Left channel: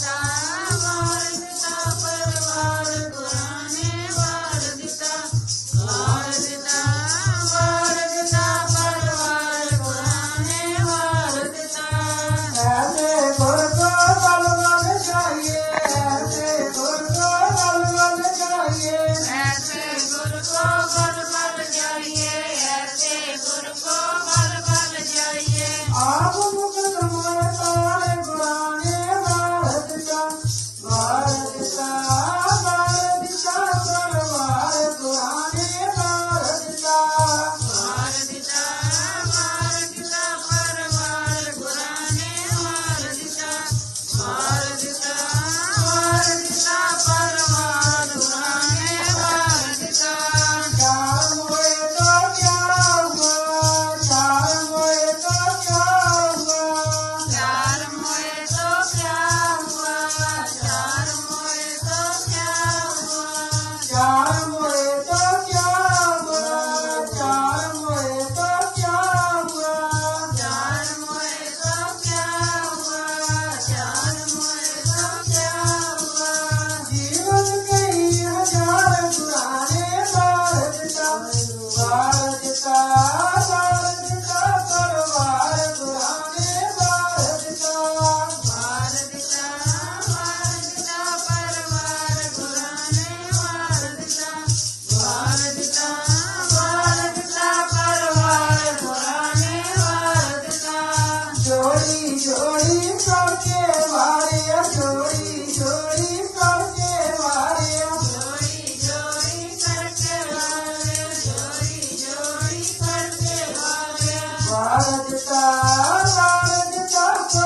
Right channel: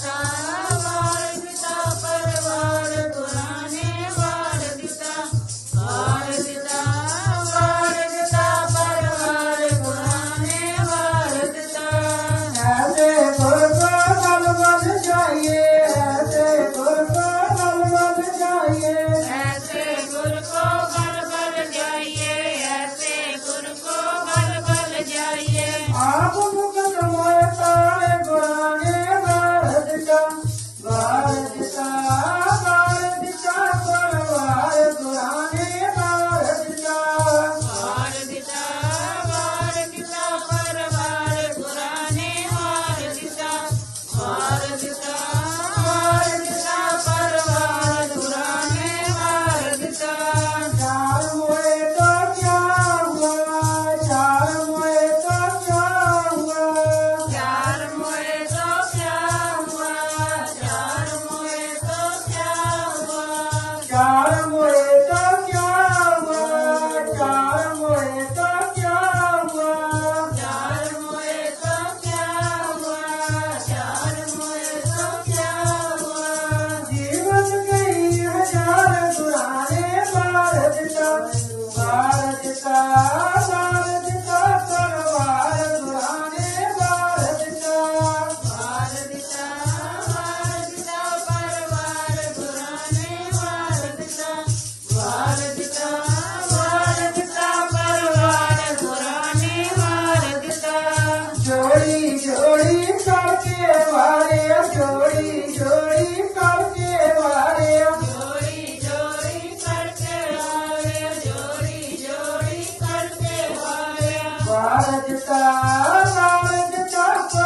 time. ta la ta ta